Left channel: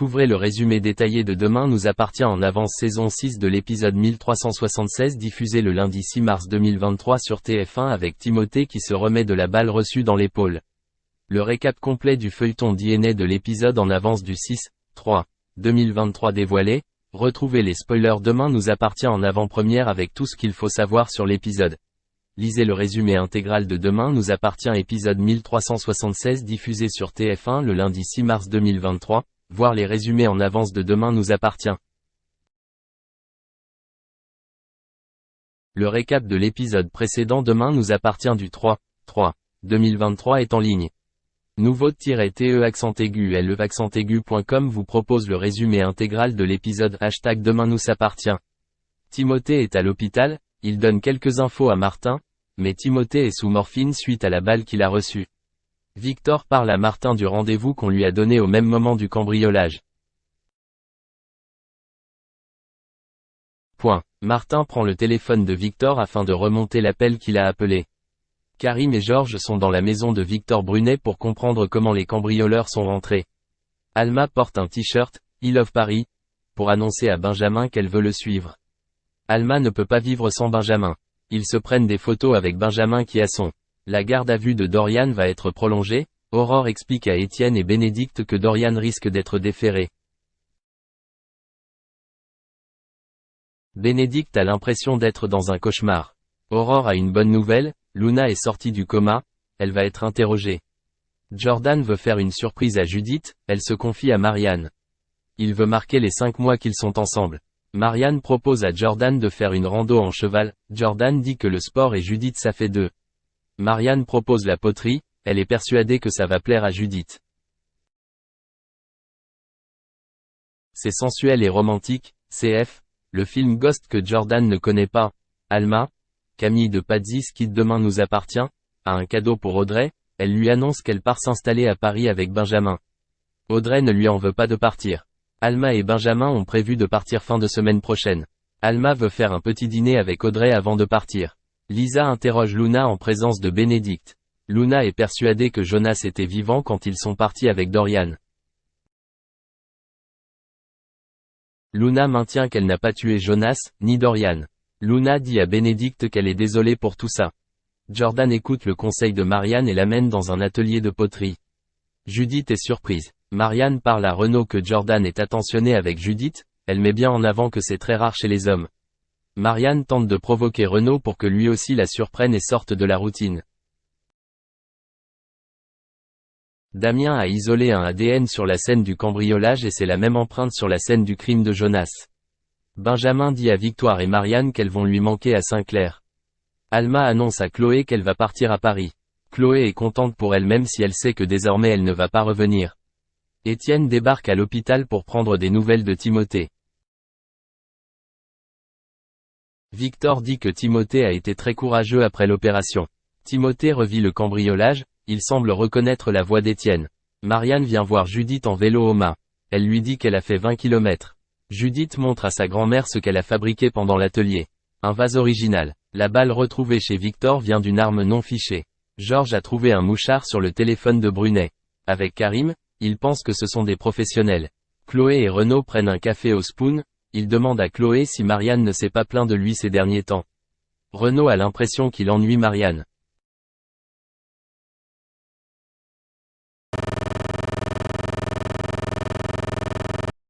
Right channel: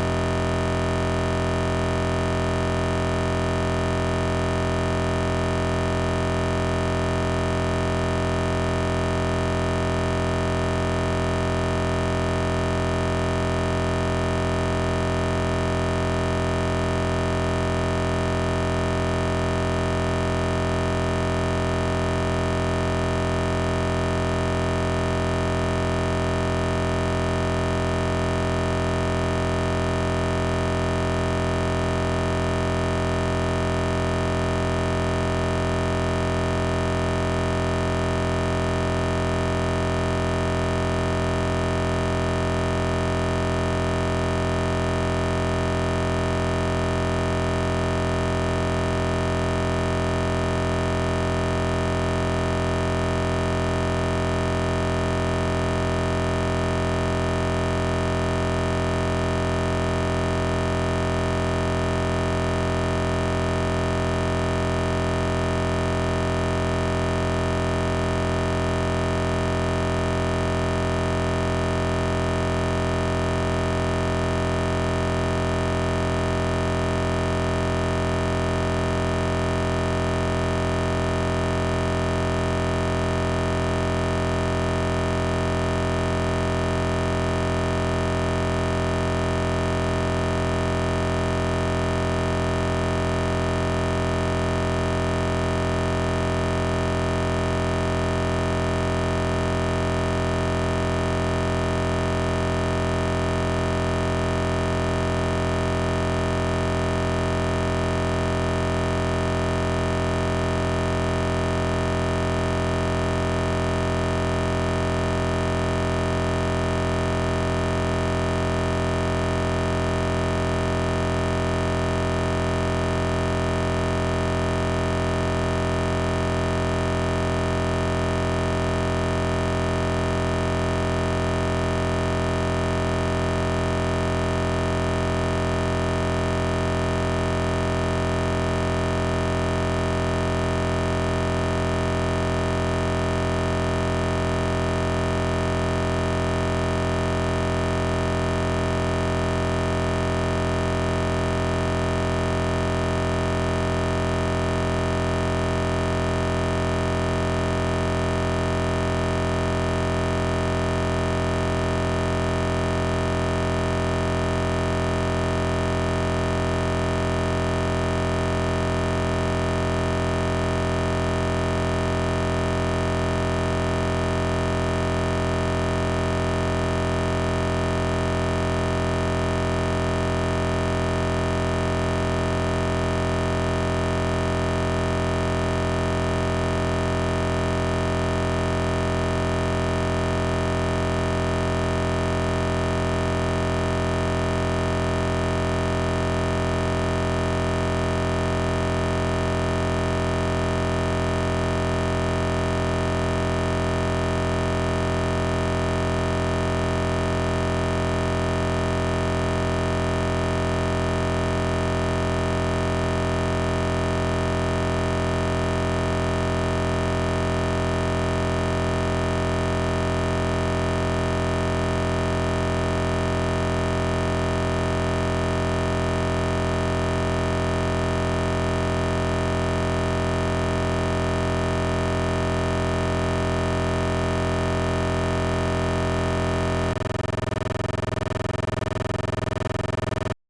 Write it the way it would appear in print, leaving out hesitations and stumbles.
Découvrez le résumé détaillé de Demain nous appartient en avance saison 6 de l'épisode 1376 diffusé le lundi 6 mars 2023 sur TF1 avec Timothée qui se remet de la balle reçue dans l'épaule. Le récap complet du feuilleton DNA de l'épisode en avance du 6/3/2023 dévoilé. Retrouvez les spoilers Demain nous appartient en avant-première avec tout ce qu'il faut savoir sur l'épisode. Lisez le résumé intégral de Demain nous appartient épisode 1376 diffusé sur TF1 le lundi 6 mars 2023, voir les résumés en avance de Demain nous appartient. Le récap de l'épisode précédent Demain nous appartient du 3/3/2023 est en ligne. Nouveau-te-accent-aigu-le-accent-aigu.com vous propose le résumé intégral de l'épisode #Demain nous appartient. Timothée est à l'hôpital, il donne quelques infos à Martin, mais Timothée est sous morphine suite à la balle qu'il a reçue. Victor parle à Martin du rendez-vous qu'on lui a donné au même moment du cambriolage. Martin prend le téléphone de Victor afin de remonter l'appel qu'il a appelé. Karim et Georges sont dans la maison de Victor Brunet pour comprendre comment les cambrioleurs sont rentrés. Alma porte un t-shirt « I love Paris » pour annoncer à Benjamin qu'elle veut le suivre. Alma ne peut pas vivre sans Benjamin. Ils se prennent des photos avec Benjamin qui a son. La garde à vue de Dorian va être prolongée. Aurore explique à Étienne et Bénédicte que Dorian risque d'être déféré. Bénédicte a l'impression d'être dans un cauchemar. Aurore a une bonne nouvelle, Luna est sortie du coma, elle va être interrogée. Jordan veut faire une surprise à Judith, elle se confie à Marianne. Il veut marquer les 5 mois qu'ils sont ensemble. Marianne propose à Jordan de faire une rando en cheval, Jordan dit que le sport et Judith ça fait deux. Marianne propose la poterie, elle est persuadée que ça va plaire à Judith. C'est sensuel et romantique, CF, le film Ghost que Jordan ne connaît pas. Alma, Camille de Pazzi qui Demain nous appartient, a un cadeau pour Audrey, elle lui annonce qu'elle part s'installer à Paris avec Benjamin. Audrey ne lui en veut pas de partir. Alma et Benjamin ont prévu de partir fin de semaine prochaine. Alma veut faire un petit dîner avec Audrey avant de partir. Lisa interroge Luna en présence de Bénédicte. Luna est persuadée que Jonas était vivant quand ils sont partis avec Dorian. Luna maintient qu'elle n'a pas tué Jonas, ni Dorian. Luna dit à Bénédicte qu'elle est désolée pour tout ça. Jordan écoute le conseil de Marianne et l'amène dans un atelier de poterie. Judith est surprise. Marianne parle à Renaud que Jordan est attentionné avec Judith, elle met bien en avant que c'est très rare chez les hommes. Marianne tente de provoquer Renaud pour que lui aussi la surprenne et sorte de la routine. Damien a isolé un ADN sur la scène du cambriolage et c'est la même empreinte sur la scène du crime de Jonas. Benjamin dit à Victoire et Marianne qu'elles vont lui manquer à Saint-Clair. Alma annonce à Chloé qu'elle va partir à Paris. Chloé est contente pour elle même si elle sait que désormais elle ne va pas revenir. Étienne débarque à l'hôpital pour prendre des nouvelles de Timothée. Victor dit que Timothée a été très courageux après l'opération. Timothée revit le cambriolage, il semble reconnaître la voix d'Étienne. Marianne vient voir Judith en vélo au mât. Elle lui dit qu'elle a fait 20 km. Judith montre à sa grand-mère ce qu'elle a fabriqué pendant l'atelier. Un vase original. La balle retrouvée chez Victor vient d'une arme non fichée. Georges a trouvé un mouchard sur le téléphone de Brunet. Avec Karim, ils pensent que ce sont des professionnels. Chloé et Renaud prennent un café au Spoon, ils demandent à Chloé si Marianne ne s'est pas plaint de lui ces derniers temps. Renaud a l'impression qu'il ennuie Marianne.